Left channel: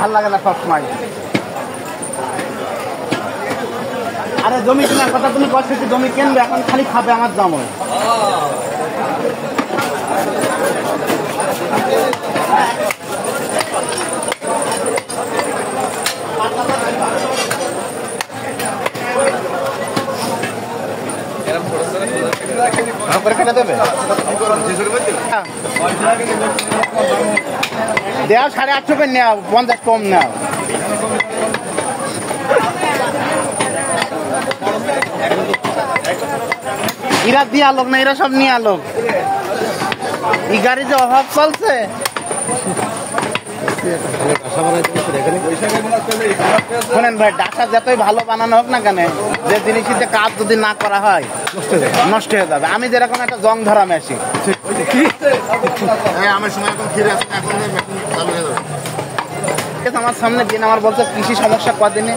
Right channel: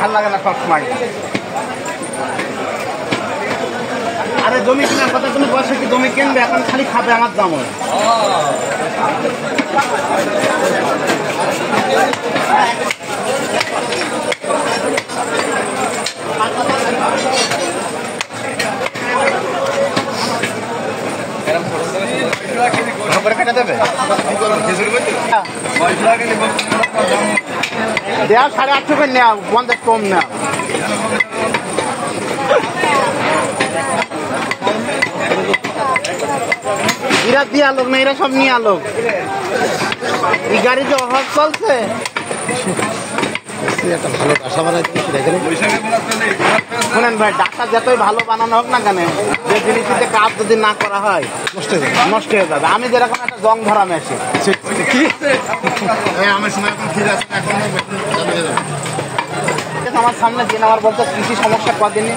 ভাল লাগে না সবসময়। আরে জমি কেনার কথা তুমি বলছো কি জমি কিনবে এখন খালি খাবে আমার দাম কেটে দেবে দেওয়া 850 করে নেও 50 কম নেও এরা দিয়ে আলোক না এরা সব নিয়ে আলোক এই গাড়ি যে অভাব চলছে শোনেন ভাই ডাটা যতই ভালো বানানো হোক না কেন যে জিনিসটিতে কাজ যদি না করা হয় নষ্ট হয়ে যাবে। আমি যেরকম একটা জং ধরা মেশিন আমার সামনে দিন আমার বলছে কৃষি সমস্যা কদিনই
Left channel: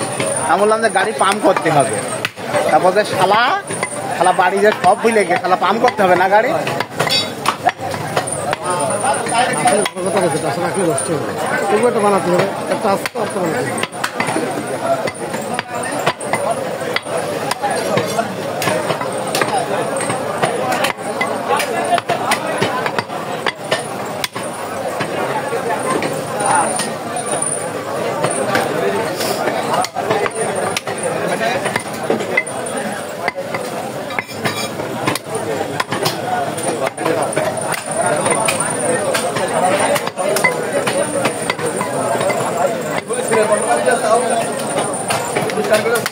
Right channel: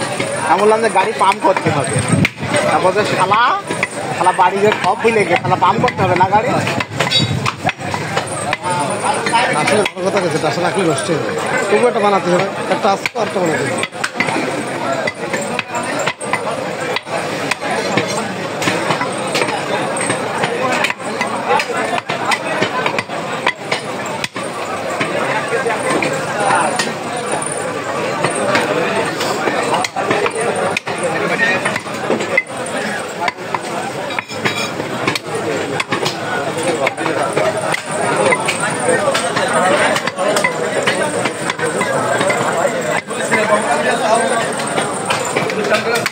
আমি বললাম যে গাড়ি পাম্প করতে হবে তারপর যে শালা বাড়ি যে সব ভুলে গিয়ে শালা পাম্প করতে হবে না গাড়ি আসলে কথা গেছে আসলে রাখলে নষ্ট হবে তবু একটা বানাতে হবে একটা আসতে অর্থ বানাতে হবে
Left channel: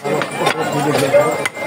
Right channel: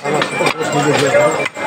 আমার